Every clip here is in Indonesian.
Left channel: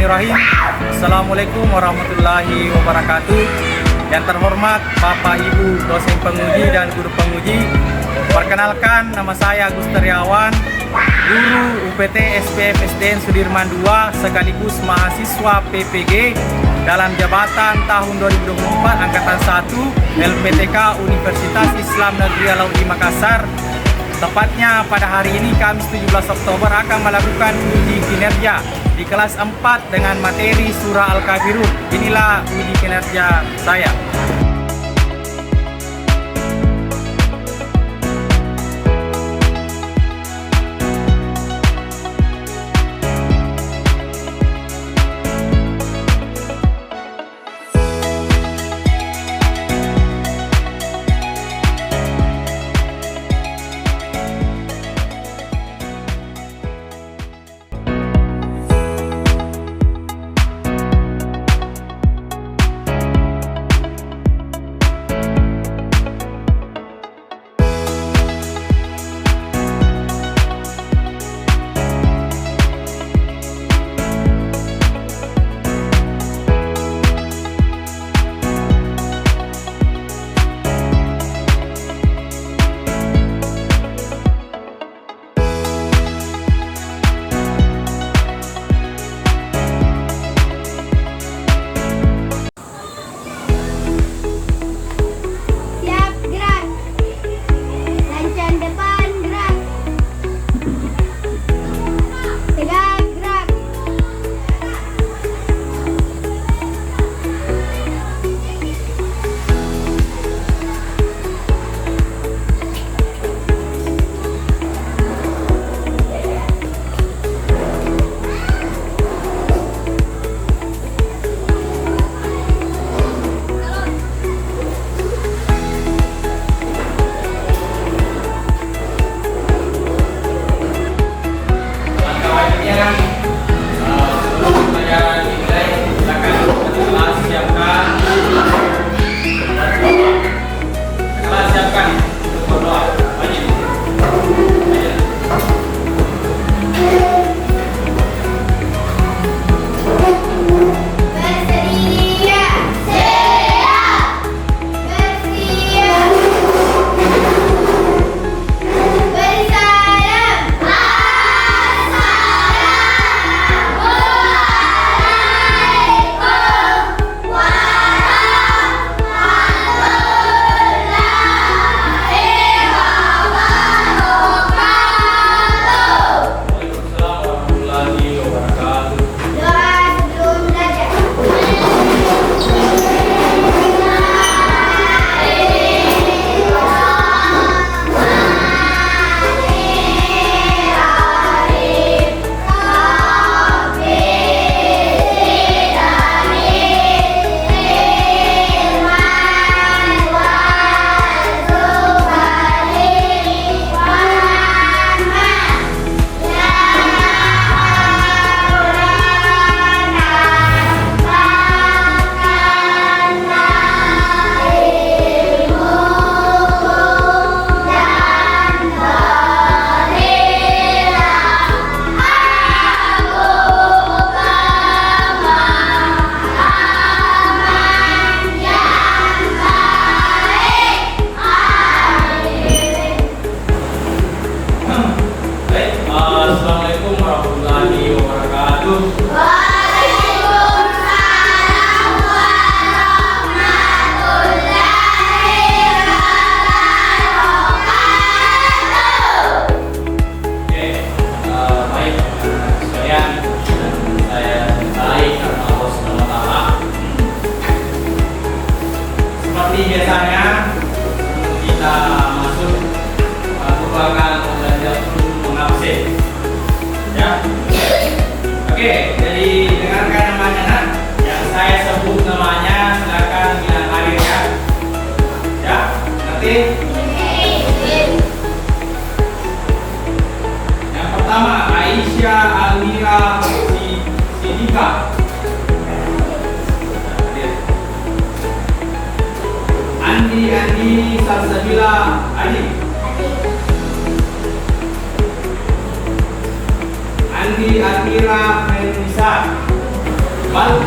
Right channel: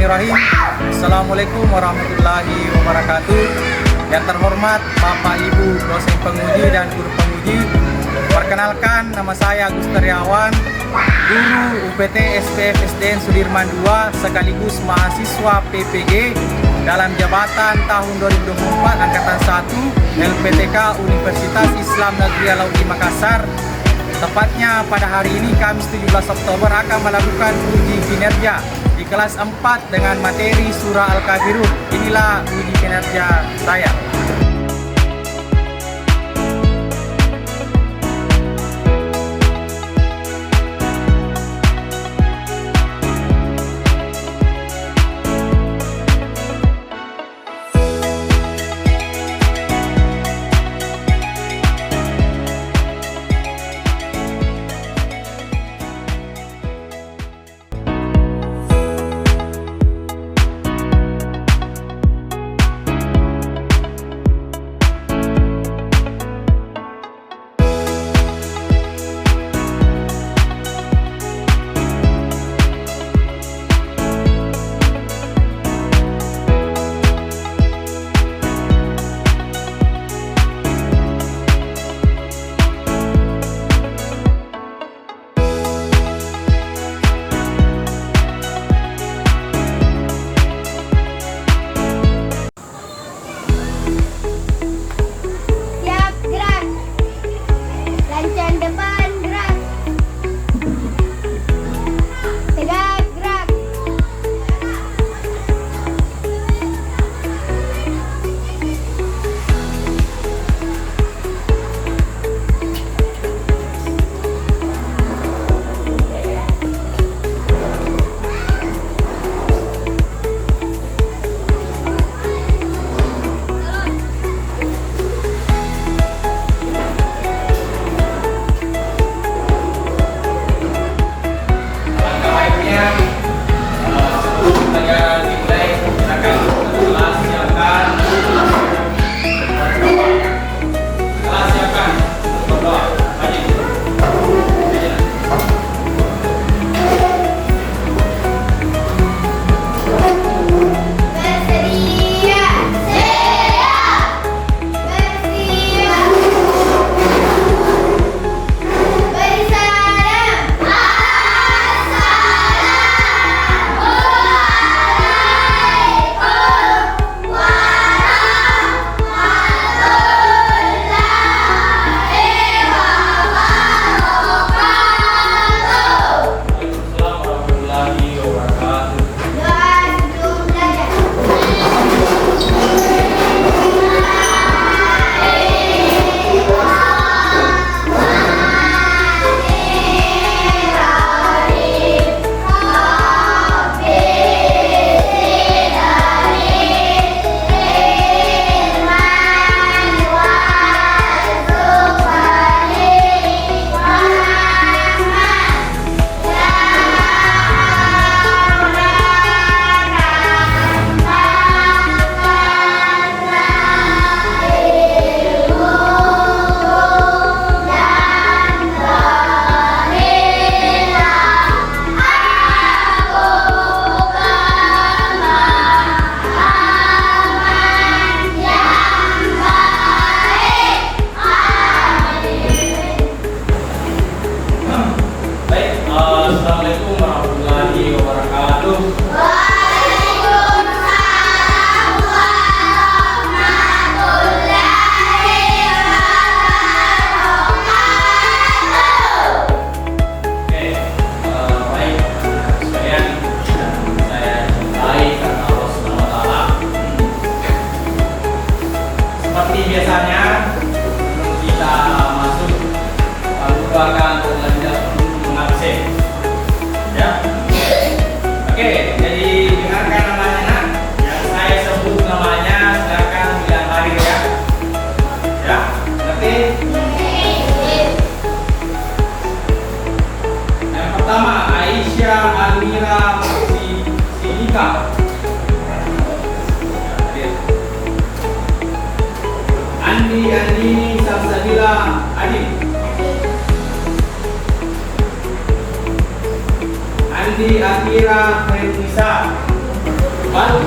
Bismillahirrahmanirrahim. Assalamualaikum warahmatullahi wabarakatuh. Yang terhormat Bapak Ibu dosen penguji dan guru penguji, perkenalkan nama saya Agus Tariawan, guru UPT SPF SDN Sudirman II sekaligus mahasiswa PPG dalam jabatan tahun 2024 angkatan 1 LPTK Universitas Islam Negeri Alauddin Makassar. Tepatnya pada hari ini Kamis 17 Oktober akan melakukan uji kinerja di kelas 4 dengan materi Surah Al-Kafirun. Inilah uji kinerja saya.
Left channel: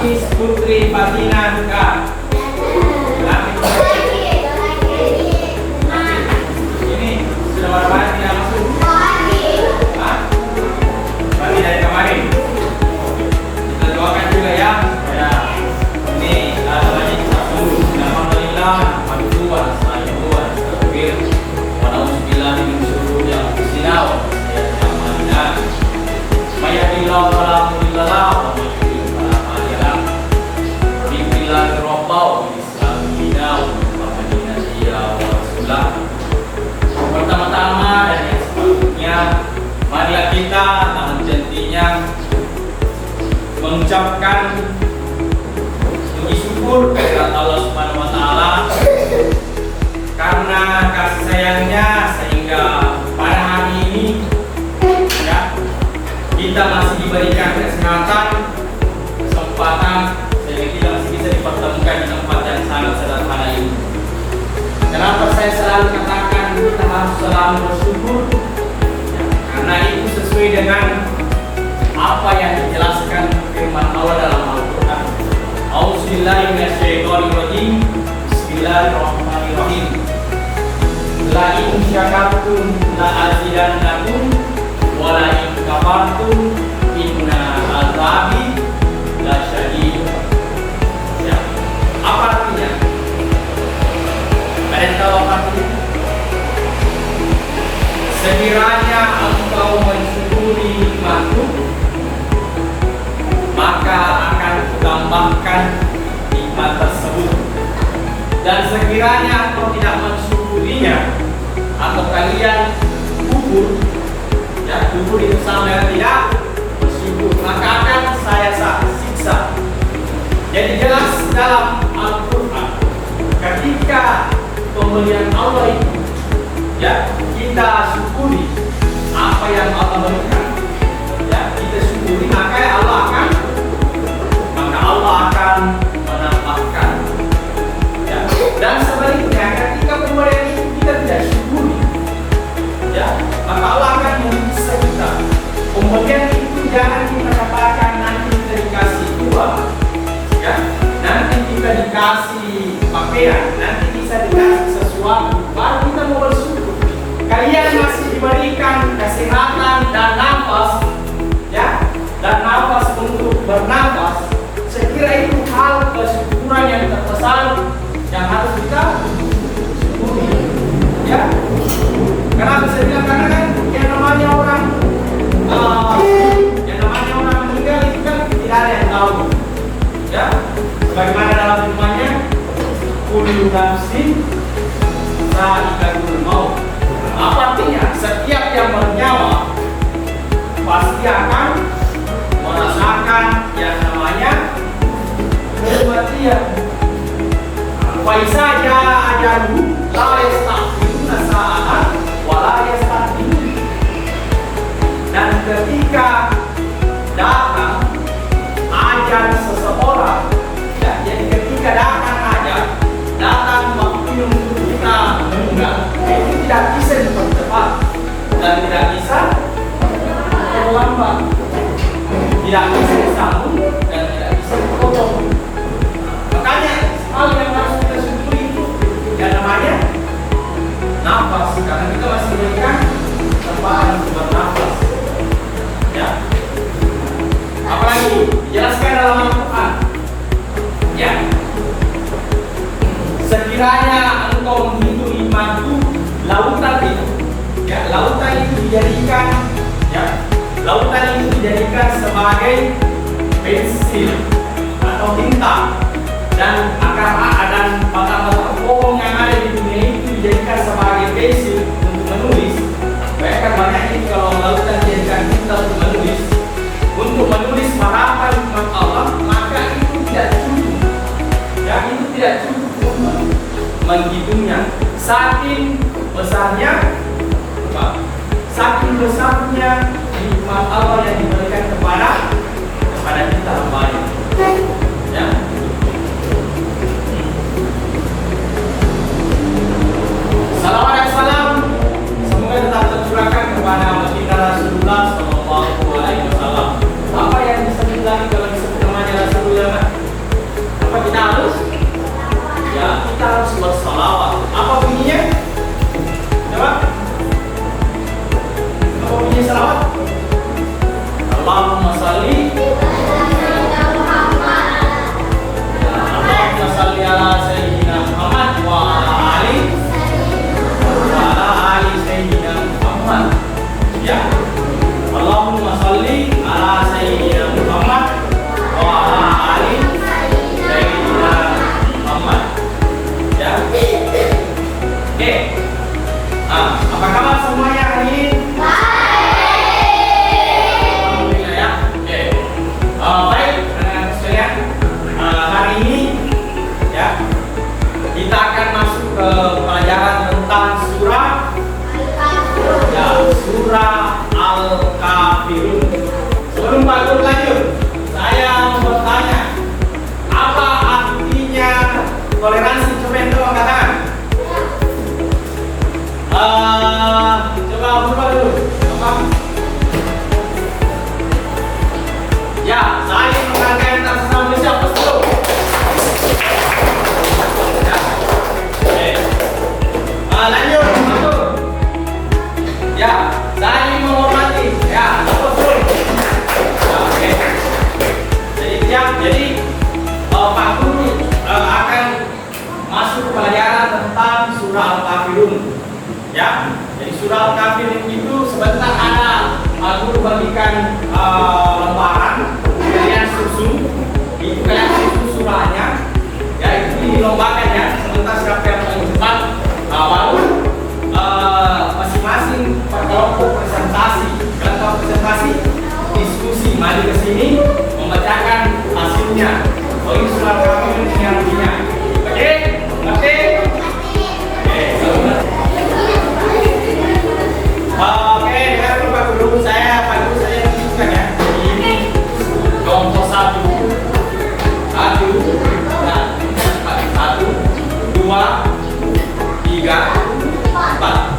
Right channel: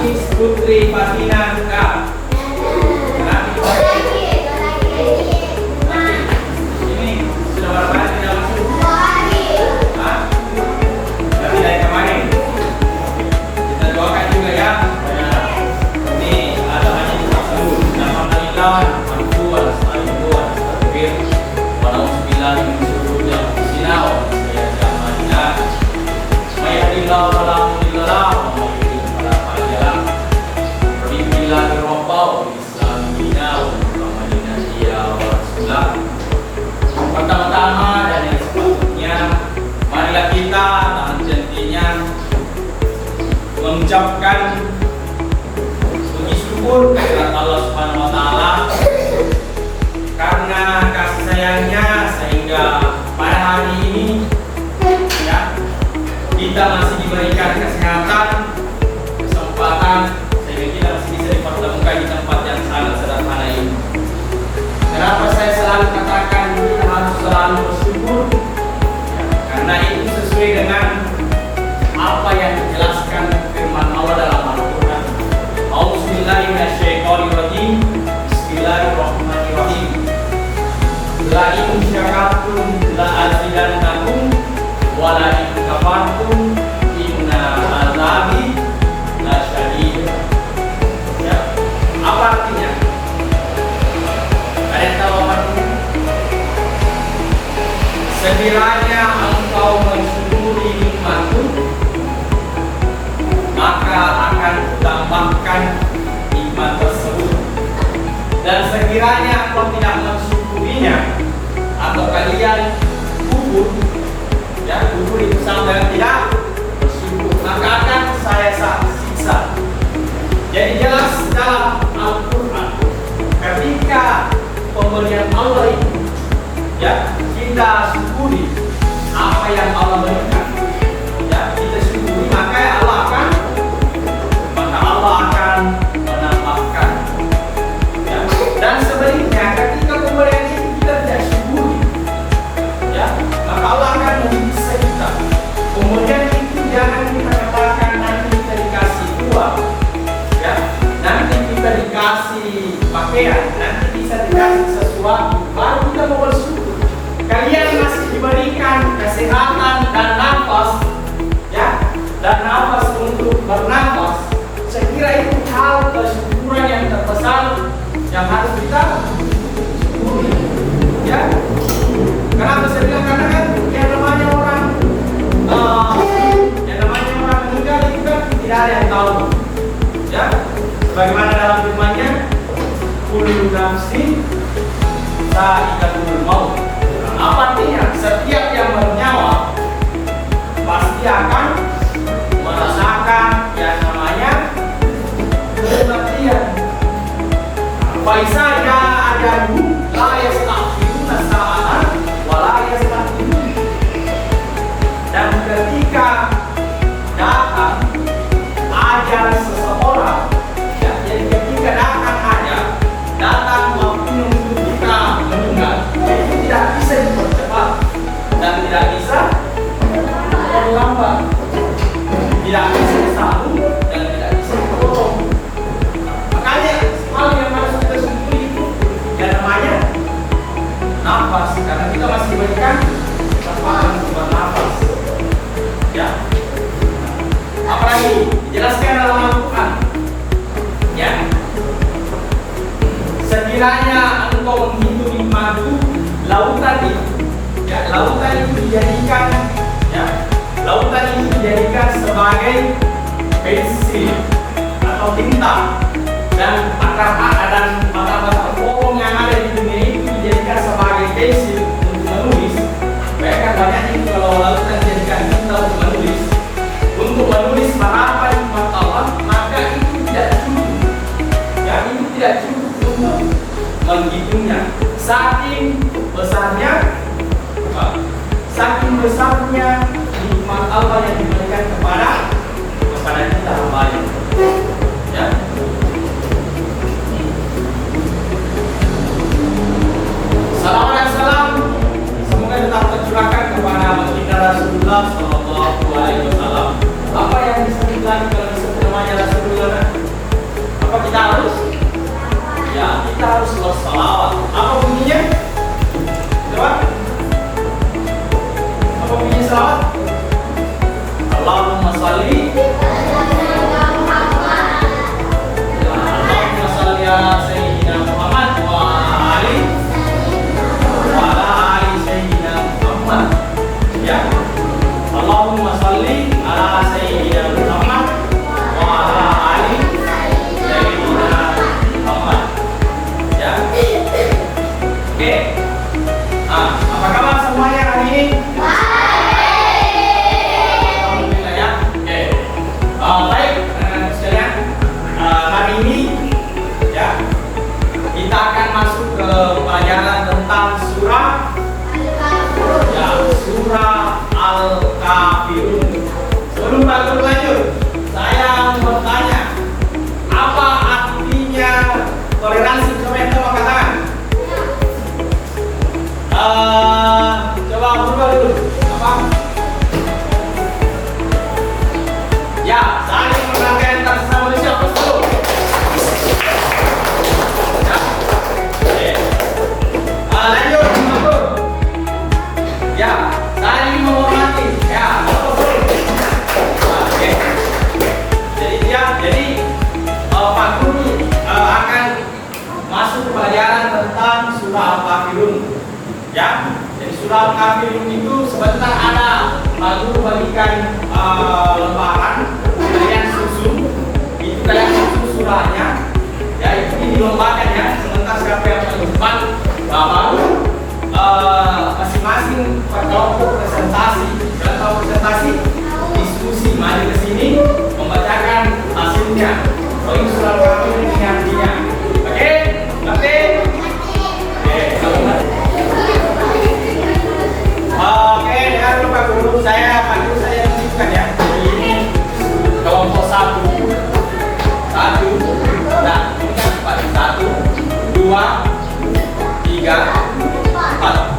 Nangis Putri Fatina Nuka. Ini sudah berapa hari tidak masuk? Hah? Berarti dari kemarin. Kita doakan juga ya. Ya. Ini hanya kita dulu. Alhamdulillah, alhamdulillah, alhamdulillah, takbir. Alhamdulillah min syururi anfusina wa min sayyiati a'malina. May yahdihillahu fala mudilla lahu wa may yudlil fala hadiya lahu. Billahi rabba wa bismillahina wa muhammadinatiya wa rasulah. Pertama-tama dan yang sepatutnya, marilah kita tangan jantinya mengucapkan puji syukur kehadirat Allah Subhanahu wa taala karena kasih sayangnya sehingga pada hari ini ya, kita masih diberikan kesehatan, kesempatan sehingga kita masih bisa dipertemukan di tempat yang sangat sederhana ini. Kenapa saya selalu katakan kita harus selalu bersyukur? Karena itu sesuai dengan apa yang dijelaskan firman Allah dalam Al-Quran. A'udzubillahi minasyaitonirrajim. Bismillahirrahmanirrahim. La in syakartum la azidannakum wa la in kafartum inna azabi la syadid. Ya. Apa artinya? Ada yang tahu apa artinya? Sekiranya engkau mensyukuri nikmatku, maka akan kutambahkan nikmat tersebut. Dan sekiranya engkau tidak mensyukurinya, atau kalian kufur, ya kufur itu sama dengan tidak bersyukur, maka akan saya siksa. Jadi jelas dalam Al-Quran, ketika pemberian Allah itu, ya kita syukuri apa yang Allah berikan, ya kita syukuri, maka Allah akan menambahkan. Ya. Dan sebaliknya, ketika pemberian itu kita tidak syukuri, ya maka Allah akan menyiksa kita. Pemberian itu jangan kita katakan nanti kita dikasih uang, ya nanti kita dikasih pakaian, nanti bisa dikasih sesuatu, baru kita mau bersyukur. Kalian masih diberikan kesehatan dan nafas, ya dan nafas untuk bernafas. Saya kira itu hal kesyukuran yang terbesar yang harus kita syukuri, ya. Kenapa saya bilang? Karena kan yang namanya orang meninggal itu kan tidak ada yang tahu, ya. Sebagaimana dalam firman-Nya, kullu nafsin dha'iqatul maut. Apa artinya? Setiap yang bernyawa pasti akan merasakan yang namanya kematian. Wa idza jaa ajaluhum la yasta'khiruna sa'atan wa la yastaqdimun. Dan ketika datang ajal seseorang, ya, jadi ketika datang waktu untuk kita meninggal, itu tidak bisa dipercepat dan tidak bisa terlambat, tidak bisa disambung dan tidak bisa dipotong. Makanya hal yang harus kita syukuri itu yang namanya nafas, karena kita masih diberikan kesempatan untuk bernafas, ya. Apalagi dijelaskan dalam Al-Quran, ya. Sekiranya engkau menghitung nikmatku, lautan itu, ya lautan itu dijadikan, ya lautan itu dijadikan sebagai pensil atau tinta, dan akar dan batang-batang pohon yang ada di dunia itu dijadikan sebagai pensil untuk menulis. Bayangkan banyaknya itu kalau lautan dijadikan tinta untuk menulis harapan nikmat Allah, maka itu tidak cukup, ya itu tidak cukup untuk menghitungnya. Saking besarnya nikmat Allah yang diberikan kepada kita kembali, ya. kafirun. Sebelum Pak Guru lanjut, saya mau bertanya, apa artinya toleransi? Coba yang tolong katakan. Coba berubah dulu. Apa? Ya, saya menghargai antara sesama manusia. Apa dulu? Ya. Oke. Lanjut, Pak. Ya, saling menghormati. Ya, apa dulu? Oke. Jadi Pak Guru akan masuk pelajaran tentang surah Al-Kafirun. Ya, jadi surah Al-Kafirun itu sebentar ada Pak Guru bagikan lembaran, kalian susun, itu kalian susun surahnya. Ya, itu dilombakan ya. Sebentar siapa yang paling cepat, baru masing-masing berkelompok presentasi. Kalian tahu presentasi? Diskusi, maju ke sini, membacakan hasilnya. Oh, ini surah Al-Kafirun ini artinya. Oke, ngerti? Oke, dengan Pak Guru saya lanjutkan ya. Ini kelompok 1, 2, 3, 4.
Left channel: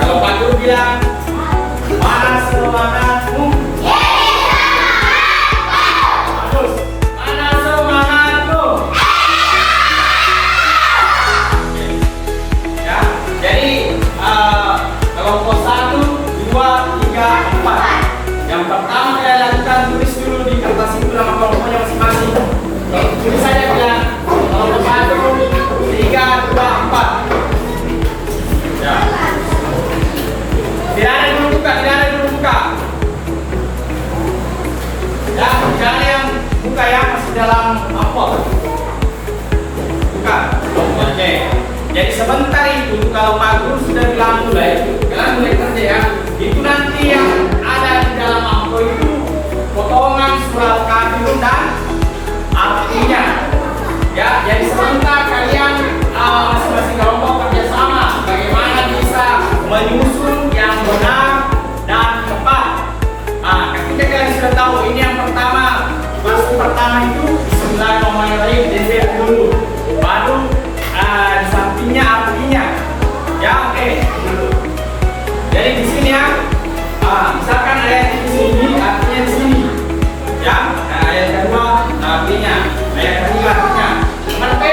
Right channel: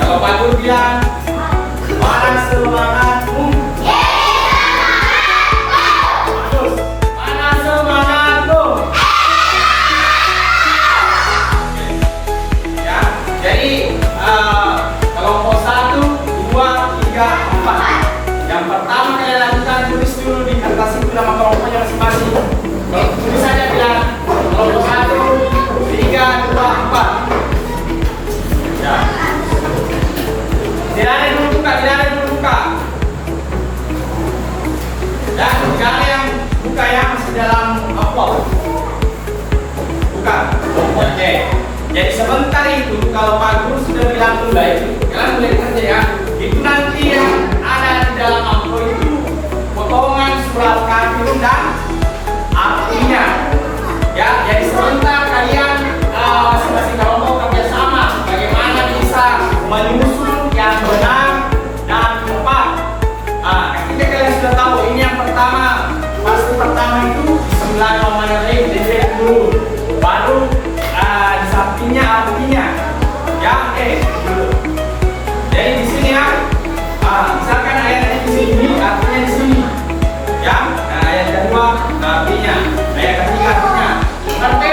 Kalau Pak Guru bilang, mana semangatmu? Bagus. Mana semangatmu? Oke. Ya, jadi kelompok 1, 2, 3, 4. Yang pertama kalian lakukan tulis dulu di kertas itu nama kelompoknya masing-masing. Tulis saja bilang kelompok 1, 3, 2, 4. Ya. Tidak ada yang buka. Ya, tidak ada yang buka ya, masih dalam amplop. Buka. Oke. Jadi sebentar itu kalau Pak Guru sudah bilang mulai, kalian mulai kerja ya. Itu nanti yang ada di dalam amplop itu potongan surah Al-Kafirun dan artinya. Ya, jadi sebentar kalian masing-masing kelompok kerjasama bagaimana bisa menyusun yang benar dan tepat. Ketika kalian sudah tahu ini yang pertama, pasti pertama itu Bismillahirrahmanirrahim, dilihat dulu, baru di sampingnya artinya. Ya, oke dulu. Jadi di sini ya, misalkan ayatnya di sini, artinya di sini. Ya, ayat kedua artinya, ayat ketiga artinya. Ngerti?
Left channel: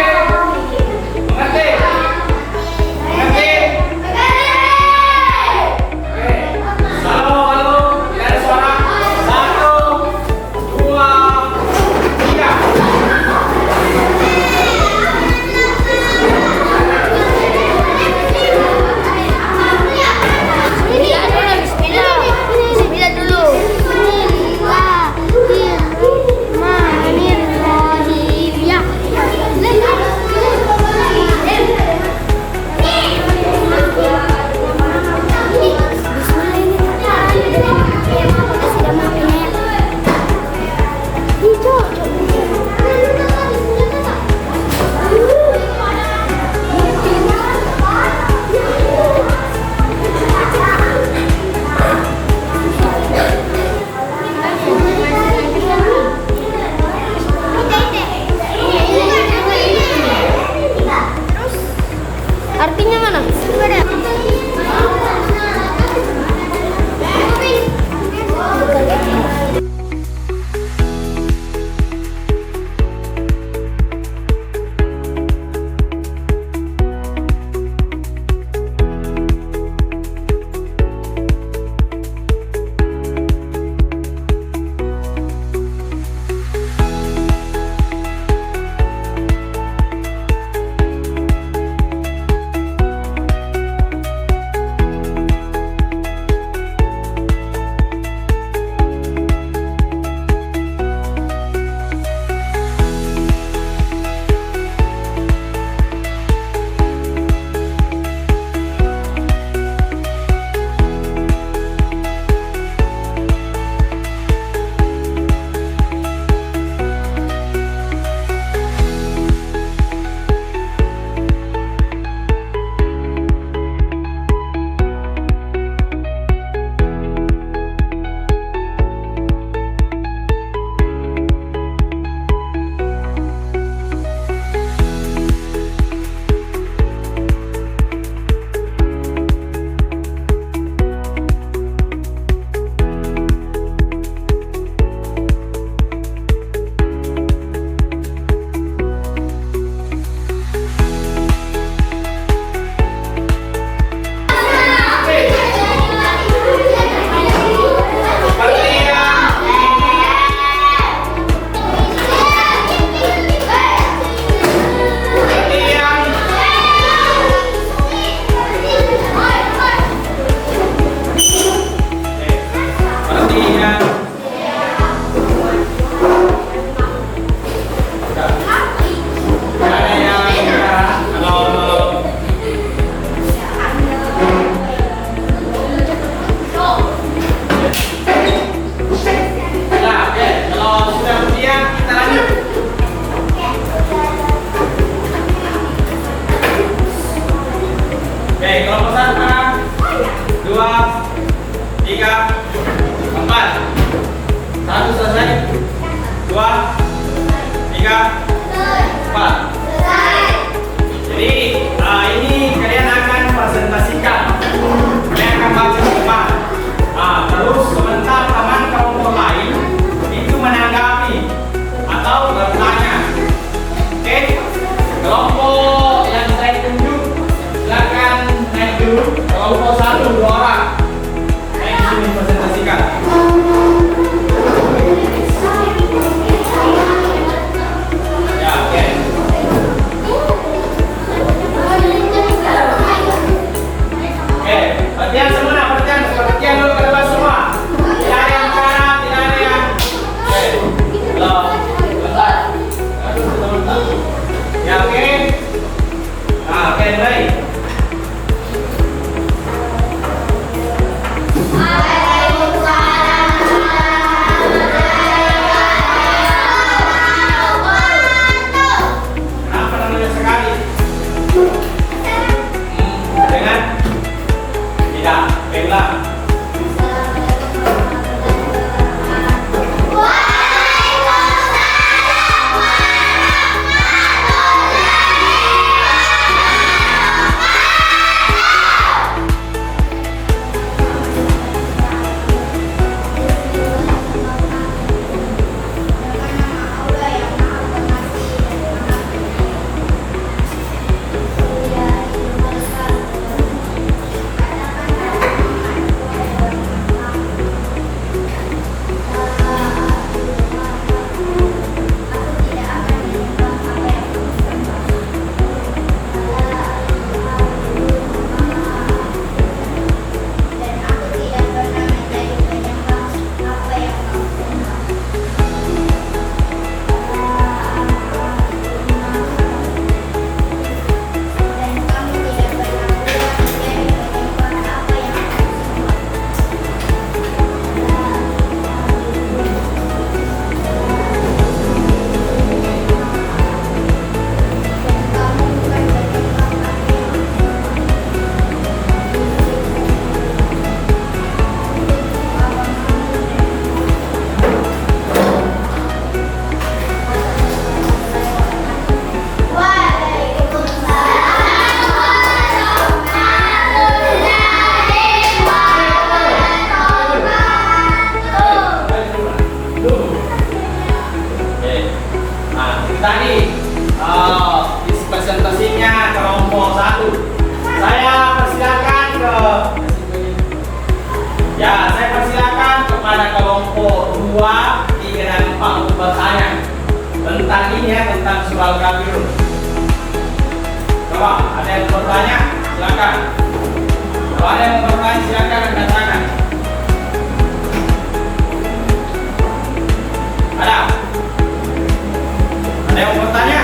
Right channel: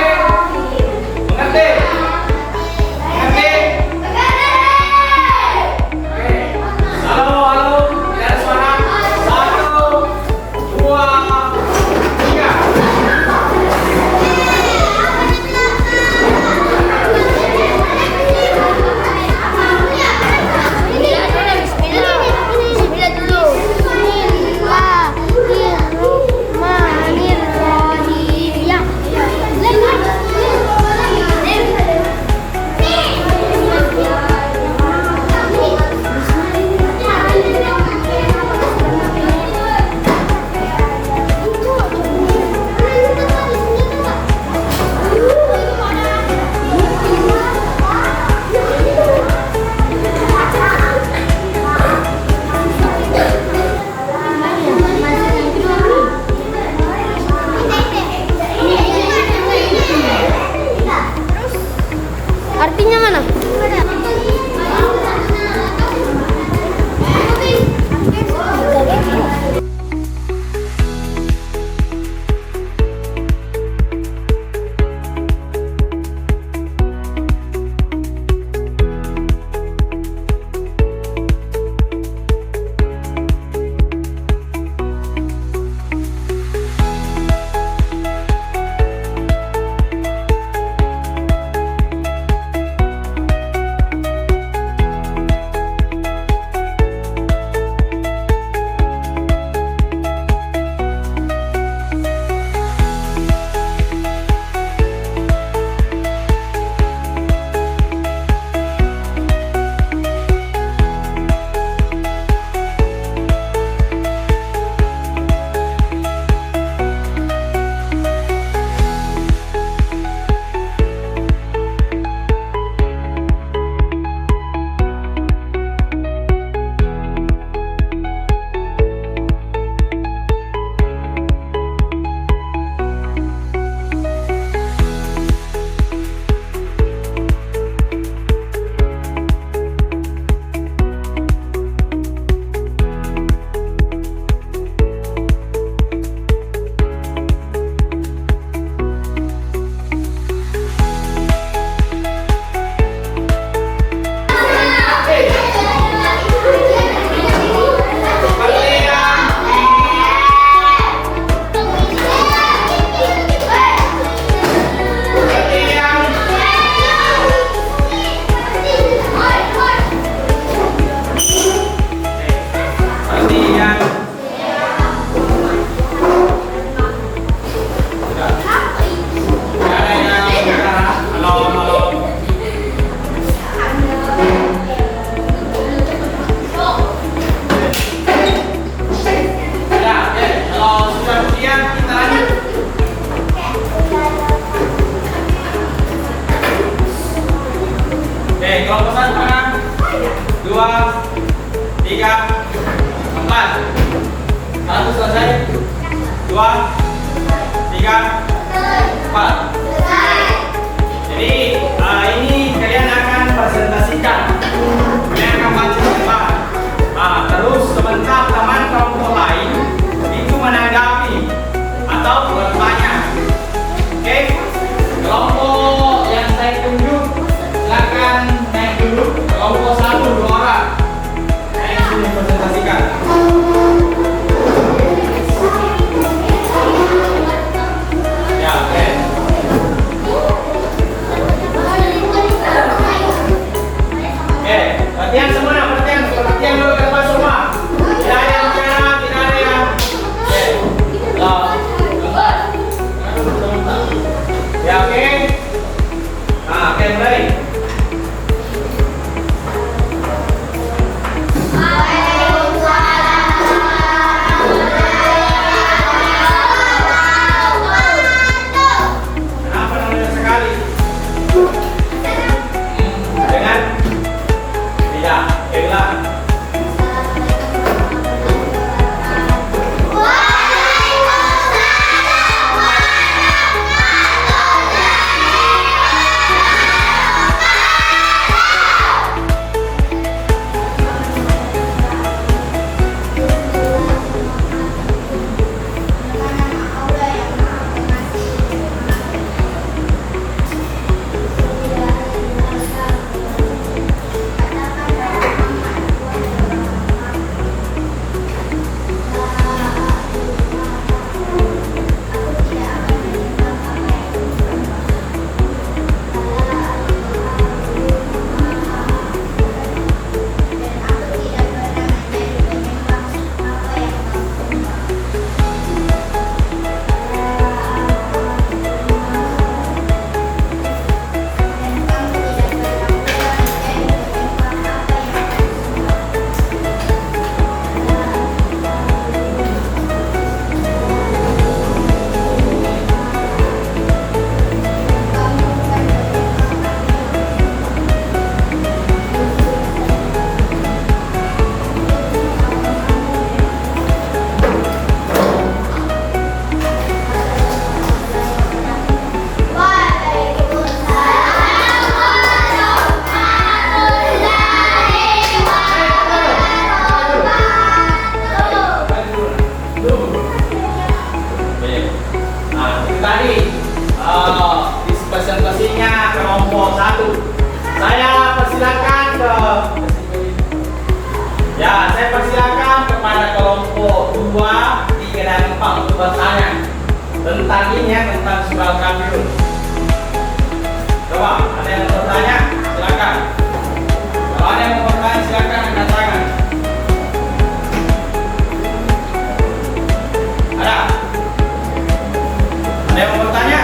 Cepat. Satu selesai. Dua, tiga, empat. Jadi ini kalian akan presentasikan. Kalian akan baca cepat. Terus sebentar teman kelompok lain itu menanggapi atau bertanya. Oke? Kelompok yang saya tunjuk silakan naik dulu. Kelompok 1 2 orang. Naik sini presentasikan. Ya, oke. Oke, perhatian semua, perhatian dulu ke depan semua. Tidak ada yang kanan, tidak ada yang. Oke, belum. Bentar. Aduh, bentar. Ya, oke. Nah, oke, mulai. Kenapa namanya sekali? Dengan tidak, oke, ulang. Presentasinya kelompok 1. Saya persilakan kepada kelompok 2, 3 dan 4 untuk bertanya tentang ini ya, tentang surah Al-Kafirun. Coba ada yang bertanya, silakan. Kalau ada yang bertanya silakan angkat tangan. Ada? Ada yang bertanya?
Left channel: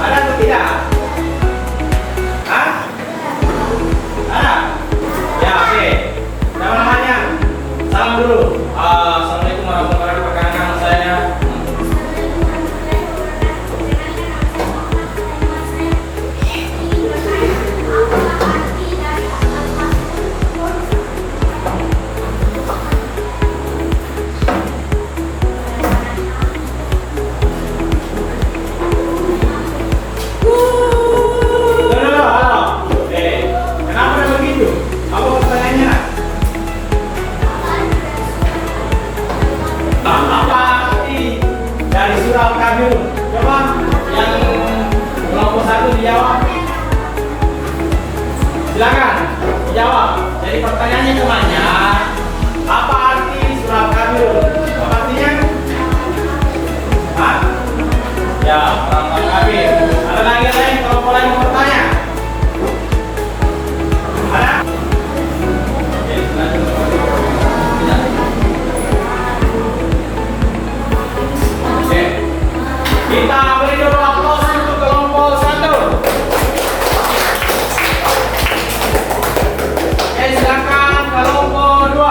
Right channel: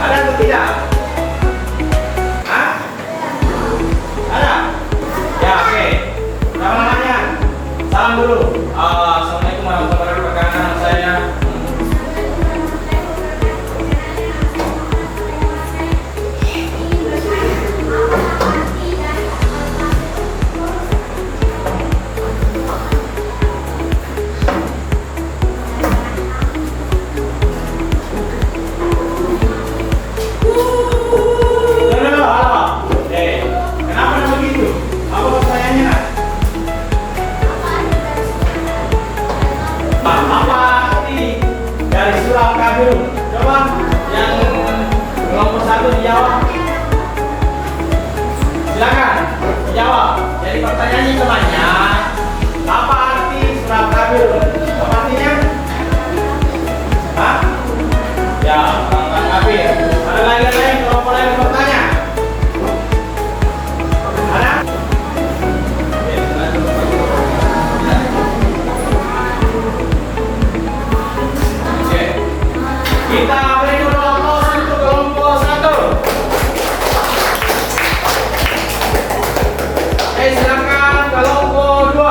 Ada atau tidak? Hah? Ada? Ya, oke. Siapa namanya? Salam dulu. Assalamualaikum warahmatullahi wabarakatuh. Nama saya. Coba yang kelompok 1 dijawab. Silakan dijawab. Jadi pertanyaannya temannya, apa arti surah Al-Kafirun? Apa artinya? Hah? Ya, surah Al-Kafir. Ada lagi yang lain? Kelompok lain yang bertanya? Ada? Kita beri dulu aplaus untuk kelompok 1. Silakan kelompok 2.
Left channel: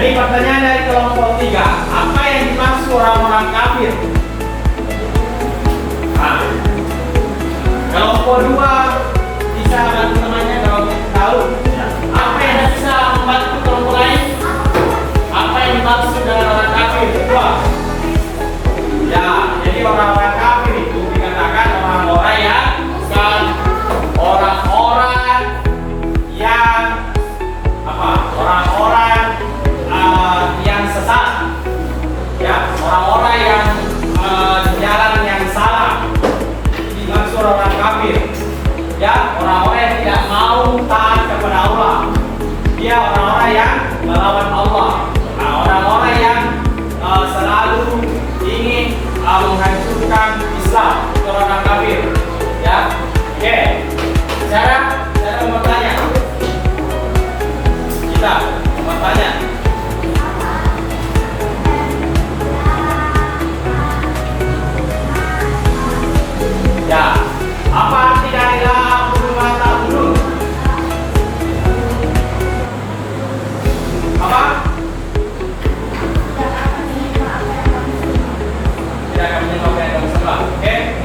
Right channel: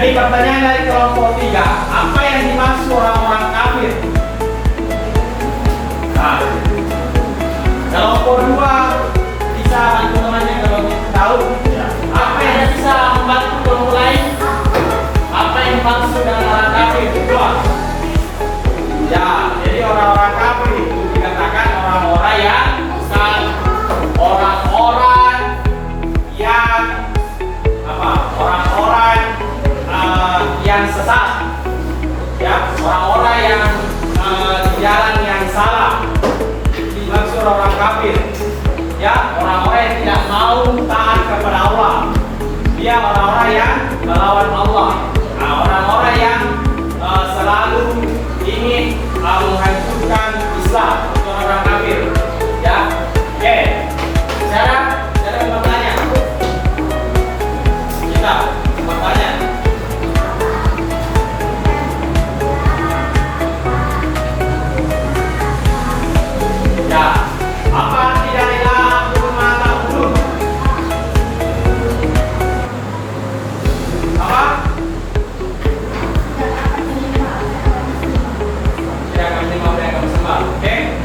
Jadi pertanyaan dari kelompok 3, apa yang dimaksud orang-orang kafir? Nah, kelompok 2 bisa bantu temannya kalau kita tahu. Apa yang bisa membantu kelompok lain? Apa yang dimaksud dengan orang kafir? Ya, jadi orang-orang kafir itu dikatakan orang-orang yang bukan orang-orang yang apa? Orang-orang yang sesat. Ya, orang-orang yang di jalan yang salah. Dimaksud orang kafir. Ya, orang-orang yang tidak mau taat kepada Allah. Dia orang-orang yang melawan Allah. Nah, orang-orang yang selalu ingin menghancurkan Islam, itu orang kafir. Ya, oke. Cara bertanya. Kita bertanya. Ya, apa arti dari la bulu mata bulu? Apa? Ya, kami memakai kamu sama. Oke?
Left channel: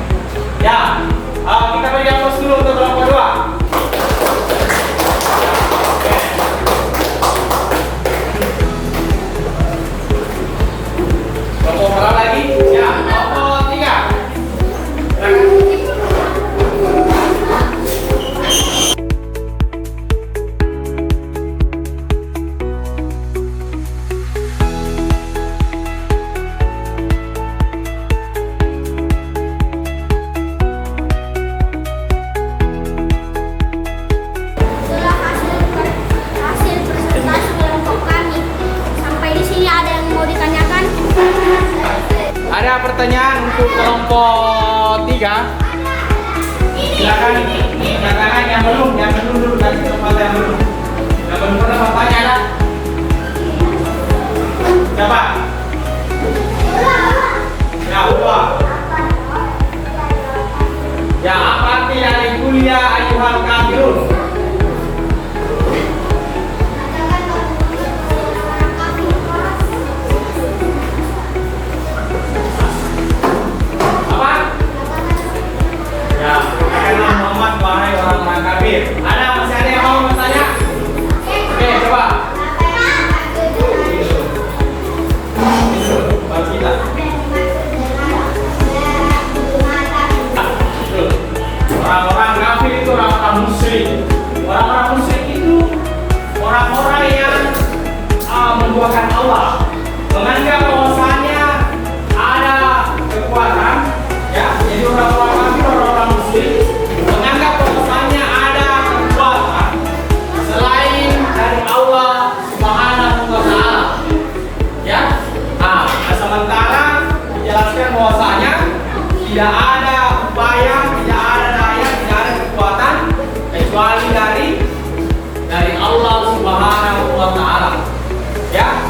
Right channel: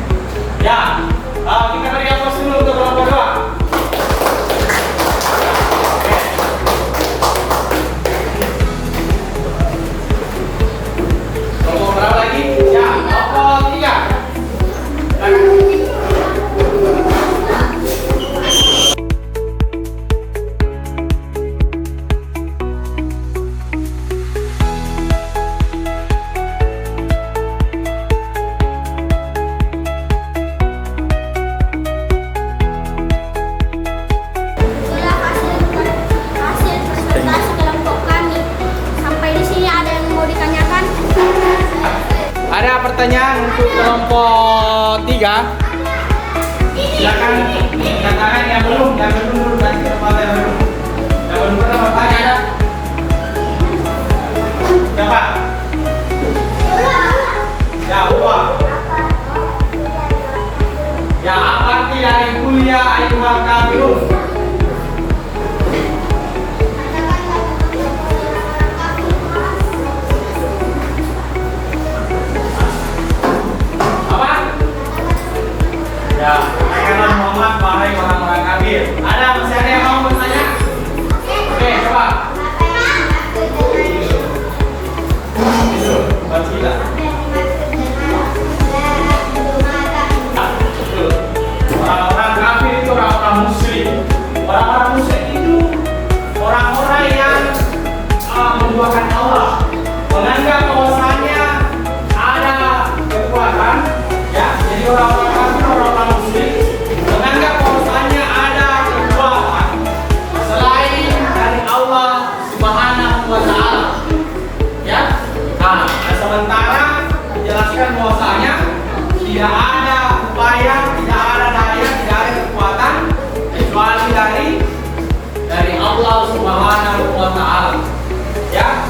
Ya, kita beri aplaus dulu untuk kelompok 2. Oke. Kelompok berapa lagi? Ya, kelompok 3. Hasil presentasi kelompok kami. Sampai di sini ada yang mau ditanyakan? Ada pertanyaan untuk kelompok 3? Silakan katakan yang belum dulu kasih kesempatan yang belum. Yang belum pernah bertanya ada? Siapa? Ya, Uwa. Ya, apa arti dari kuliah ayuhal kafirun? Apa? Ya, katakanlah Muhammad wahai orang-orang kafir. Masih ada yang mau bertanya? Oke, coba. Kita. Orang-orang kafir itu orang-orang musyrik. Orang-orang musyrik itu orang-orang yang menduakan Allah, menganggap bahwasanya ada kekuatan. Ya, jadi orang-orang kafir, orang-orang musyrik menganggap bahwasanya ada kekuatan selain dari Allah Subhanahu wa taala. Ya. Nah, sementara dijelaskan bahwasanya tidak ada upaya, tidak ada daya, tidak ada kekuatan kecuali dari Allah Subhanahu wa taala. Ya.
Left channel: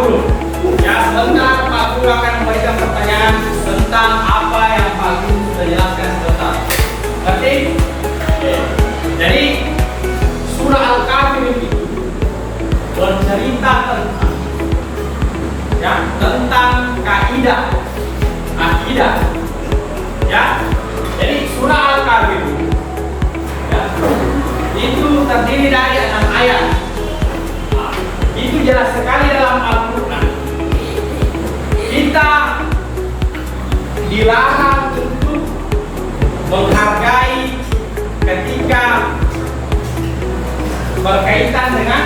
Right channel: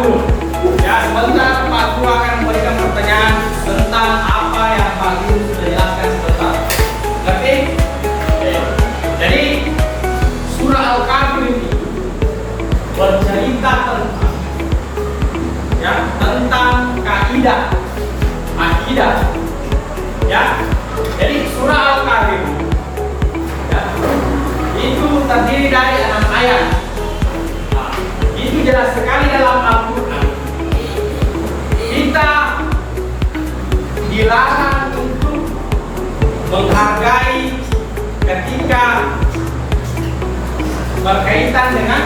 Guru. Ya, sebentar Pak Guru akan memberikan pertanyaan tentang apa yang Pak Guru sudah jelaskan sebentar. Ngerti? Oke. Jadi surah Al-Kafir itu bercerita tentang kaidah akidah. Ya. Jadi surah Al-Kafir itu terdiri dari 6 ayat. Nah, itu jelas sekali dalam Al-Quran. Kita dilarang untuk menghargai ketika berkaitan dengan